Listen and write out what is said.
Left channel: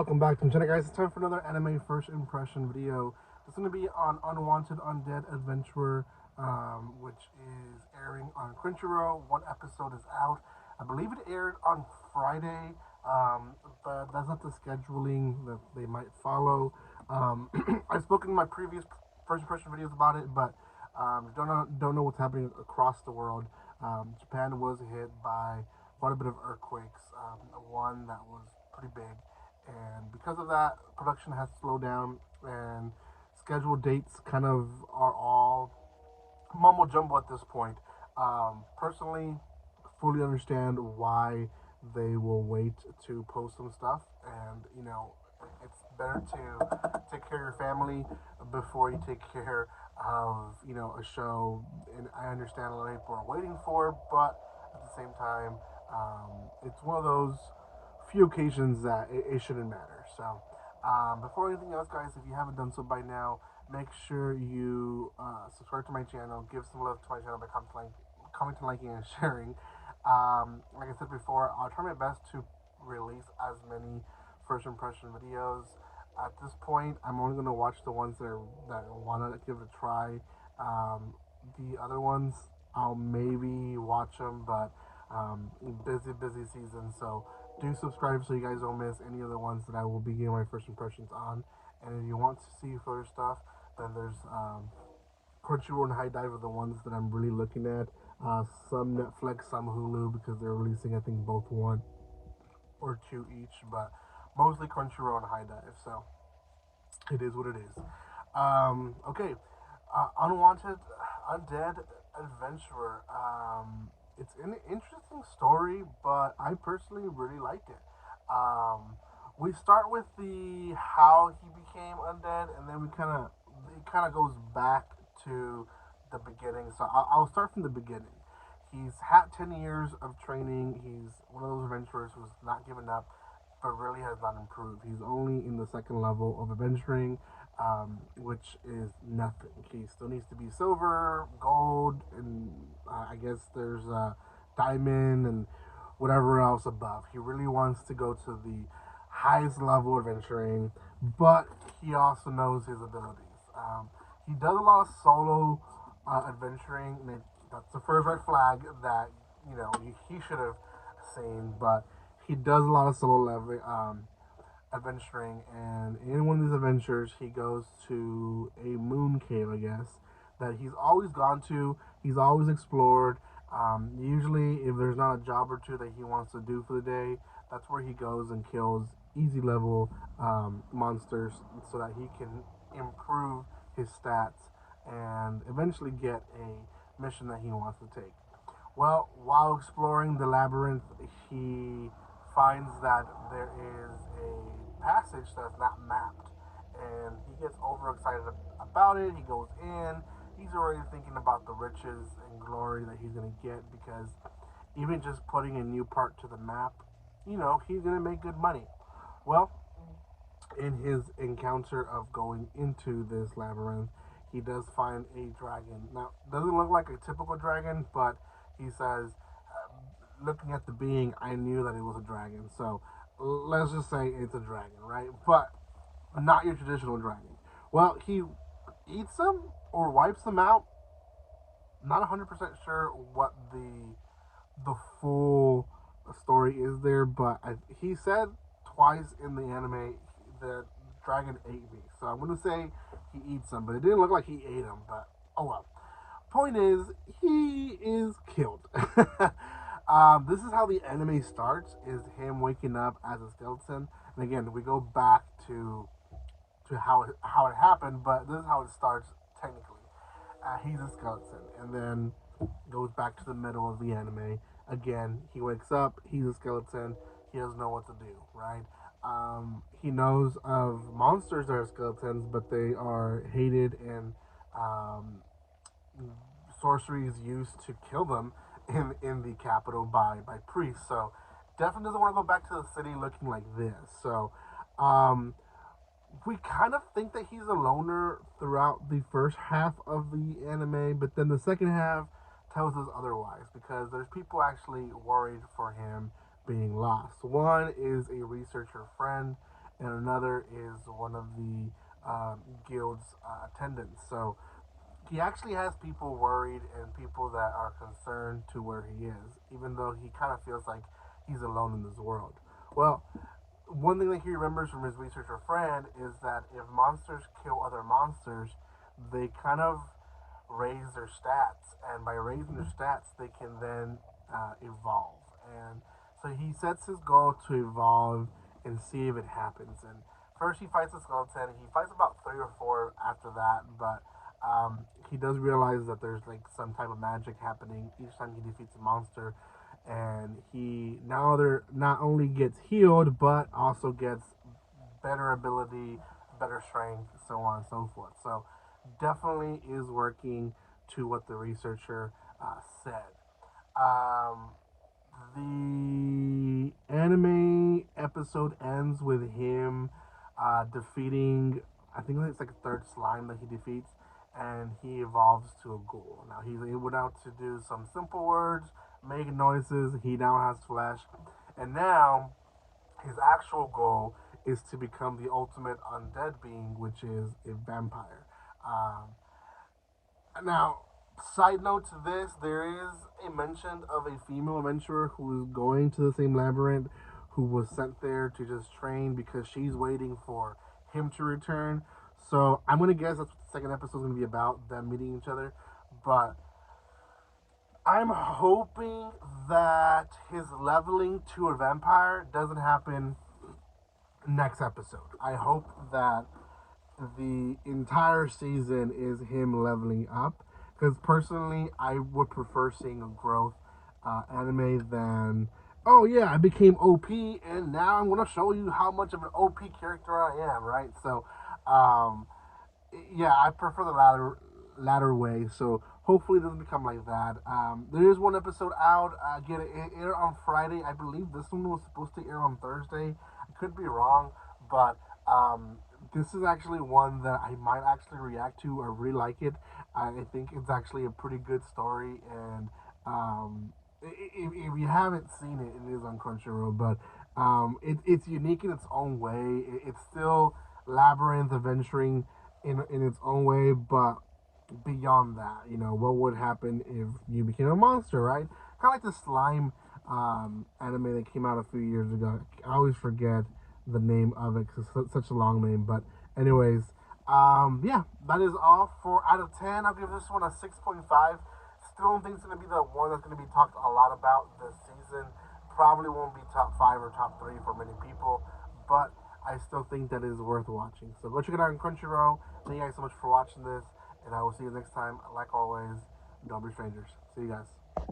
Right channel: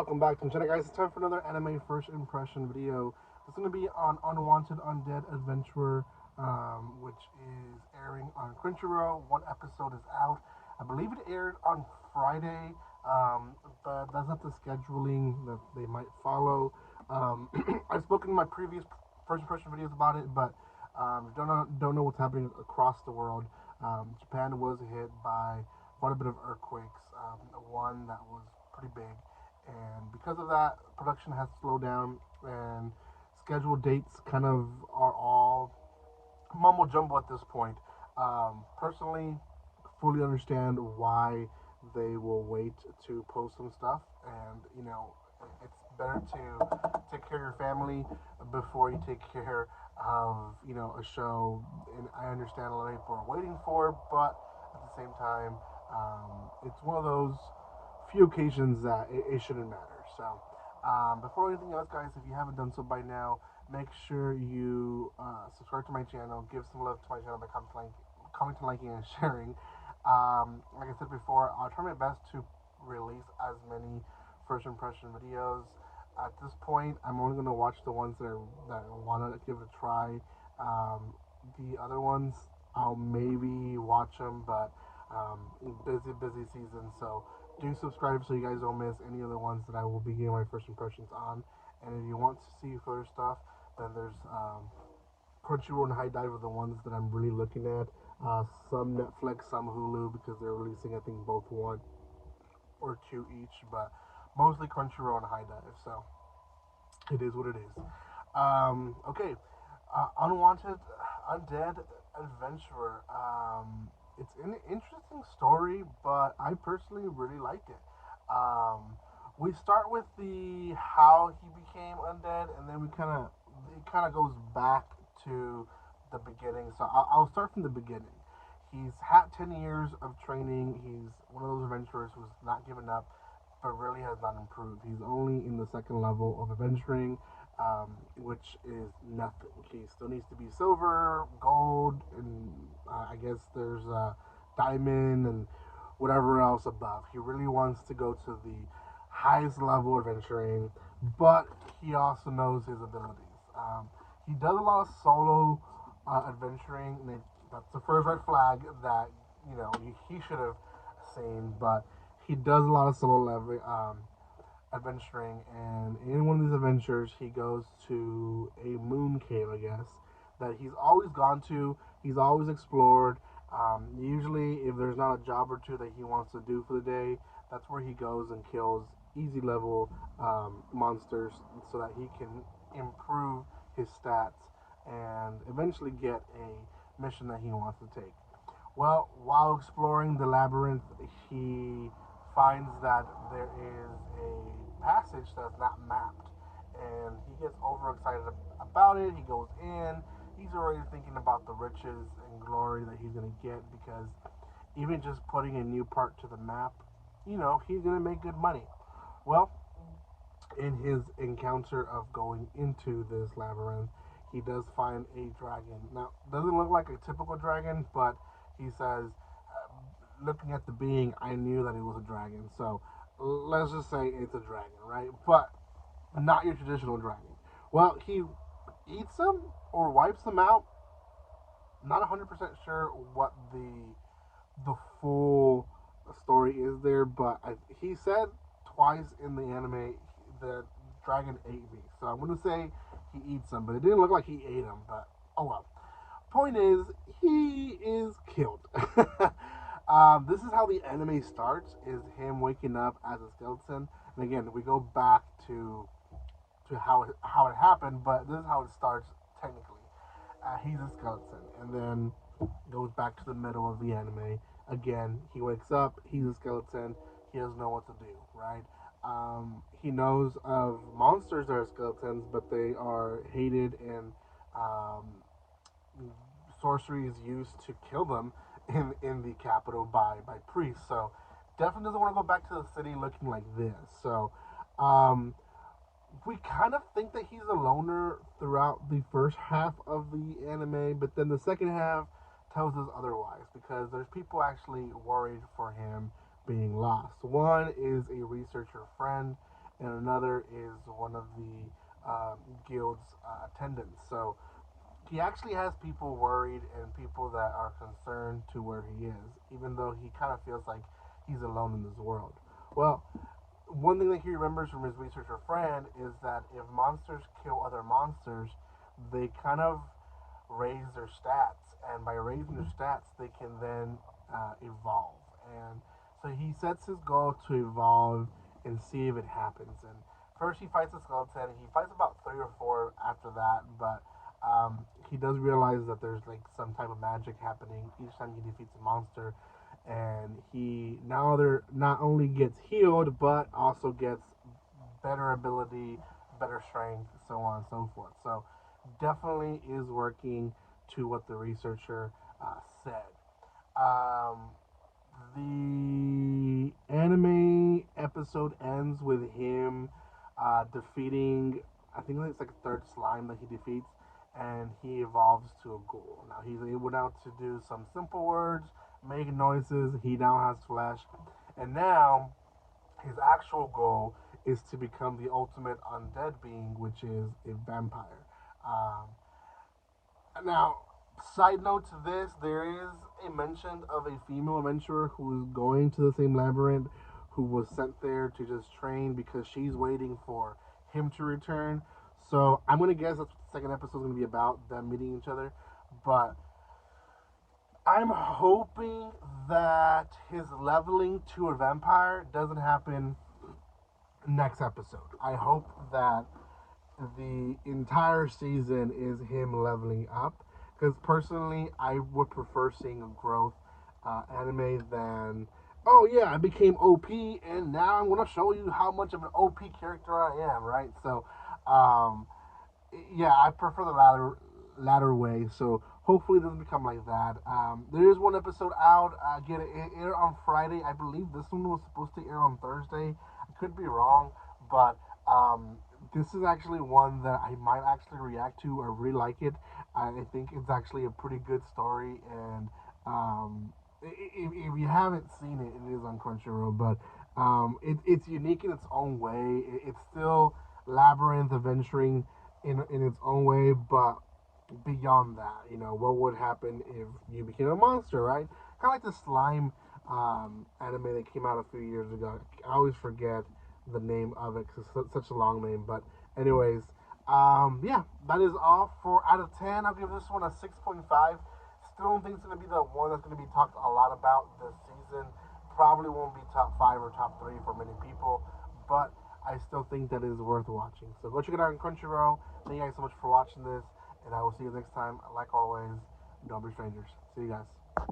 welcome back to the channel, guys. It's time for another anime first impression video. It's going to be on Unwanted Undead Adventurer, which is airing on Crunchyroll. One episode is out. I believe it aired on Friday, but that's not the scheduling that they might follow. I've spoken in my previous first impression videos about it, but don't know what's happening across the world. Japan was hit by quite a bit of earthquakes, one that was pretty big, and because of that, production has slowed down, and scheduled dates kind of are all mumbo jumbo at this point. Personally, fully understand why they will wait to post some stuff, and it's better to take care of your family before you take care of a show. And I understand a lot of people are waiting for, but at the same time, it's one of those few occasions that it shouldn't matter. So before anything else, guys, if you haven't done so by now, make sure you subscribe to my channel, give some love to my channel by commenting, liking, and sharing. Like I said before, I'll try my best to release as many first impression videos. At this point, I'm only going to watch the ones that want to give it a try. The other ones, I'll maybe watch them, but busy season, so do subscribe so you guys don't miss any of the ones that I will be giving my first impressions on. And if you want to see further stuff, then there's Crunchyroll and High Dive are the ones that I'm really looking at. Some Netflix, some Hulu, because they're releasing, I think, both 1 or 2 each, but mostly Crunchyroll and High Dive, so it is what it is. Okay, Unwanted Undead Adventurer. It's an interesting story, but I personally really like it. We start with the how he became undead, and then it kind of goes back to the beginning. So I'll start from the beginning. He's had 10 years of training. He's one of those adventurers who's not given up, but really has not improved. He's only in the 2nd level of adventuring, which is nothing. He still needs to be silver, gold, and I guess there's diamond and whatever else above. He really wants to go to the highest level adventuring, but he also knows his abilities. He does a lot of solo adventuring, and that's the first red flag that he should have seen. But he does a lot of solo adventuring, and in one of these adventures, he goes to a moon cave, I guess, that he's always gone to. He's always explored. Usually, if there's not a job or two that he wants to do for the day, that's where he goes and kills easy level monsters so that he can improve his stats and eventually get a mission that he wants to take. Well, while exploring the labyrinth, he finds that there is a passage that's not mapped, and he gets overexcited about it. He goes in. He's already thinking about the riches and glory that he's going to get, because even just putting a new part to the map, he's going to make good money. Well, in his encounter of going into this labyrinth, he does find a dragon. Now, doesn't look like a typical dragon, but he says, looking at the being, I knew that it was a dragon. So let's just say it's a dragon, right? But not your traditional dragon. Well, he eats them or wipes them out. Not 100% sure what the full story is there, but he said twice in the anime the dragon ate me. So I'm going to say he eats them, but it didn't look like he ate them, but oh well. Point is, he is killed. This is how the anime starts, is him waking up as a skeleton. And again, we go back to how it happened, but this is how it starts technically. He's a skeleton, and then goes back to the middle of the anime. Again, he wakes up, he's a skeleton, he doesn't know what to do, right? He knows of monsters that are skeletons, but they are hated, and sorcery is used to kill them in the capital by priests. So definitely doesn't want to go back to the city looking like this. So we kind of think that he's a loner throughout the first half of the anime, but then the second half tells us otherwise, because there's people actually worried for him being lost. One is a researcher friend, and another is one of the guild's attendants. So he actually has people worried and people that are concerned to where he is, even though he kind of feels like he's alone in this world. Well, one thing that he remembers from his researcher friend is that if monsters kill other monsters, they kind of raise their stats, and by raising their stats, they can then evolve. And so he sets his goal to evolve and see if it happens. And first, he fights a skeleton. He fights about 3 or 4 after that, but he does realize that there's like some type of magic happening each time he defeats a monster, and he now not only gets healed but also gets better ability, better strength, so on and so forth. So definitely is working to what the researcher said. The anime episode ends with him defeating, I think it's like a third slime that he defeats, and he evolves to a ghoul. Now he's able now to do some simple words, make noises. He now has flesh, and now his actual goal is to become the ultimate undead being, which is a vampire. Now, side note to this, there is a mention of a female adventurer who is going to the same labyrinth, who was sent there to just train because she's waiting for him to return. So I'm gonna guess that's what the second episode is gonna be about, them meeting each other. But I'm hoping that his leveling to a vampire doesn't happen next episode. I hope that the entire season is him leveling up, because personally I would prefer seeing a growth anime than, oh yeah, I became OP and now I'm gonna show you how much of an OP character I am, right? So yeah, I prefer the latter way. So hopefully it doesn't become like that. There is one episode out. Again, it aired on Friday. I believe this one was supposed to air on Thursday. I could be wrong, but this is actually one that I might actually react to. I really like it. I think it's actually a pretty good story, and if you haven't seen it, it is on Crunchyroll, but it's unique in its own way. It's still labyrinth adventuring in its own way, but beyond that, what would happen if you became a monster, right? Kind of like the slime anime that came out a few years ago. I always forget the name of it because it's such a long name. But anyways, yeah, that is all. For out of 10, I'll give this one a 6.5. Still don't think it's going to be the one that's going to be talked a lot about this season. Probably won't be top 5 or top 3 for many people, but I still think that it is worth watching. So go check it out on Crunchyroll. Thank you guys so much for watching this, and I will see you next time. Like always, don't be strangers. See you guys.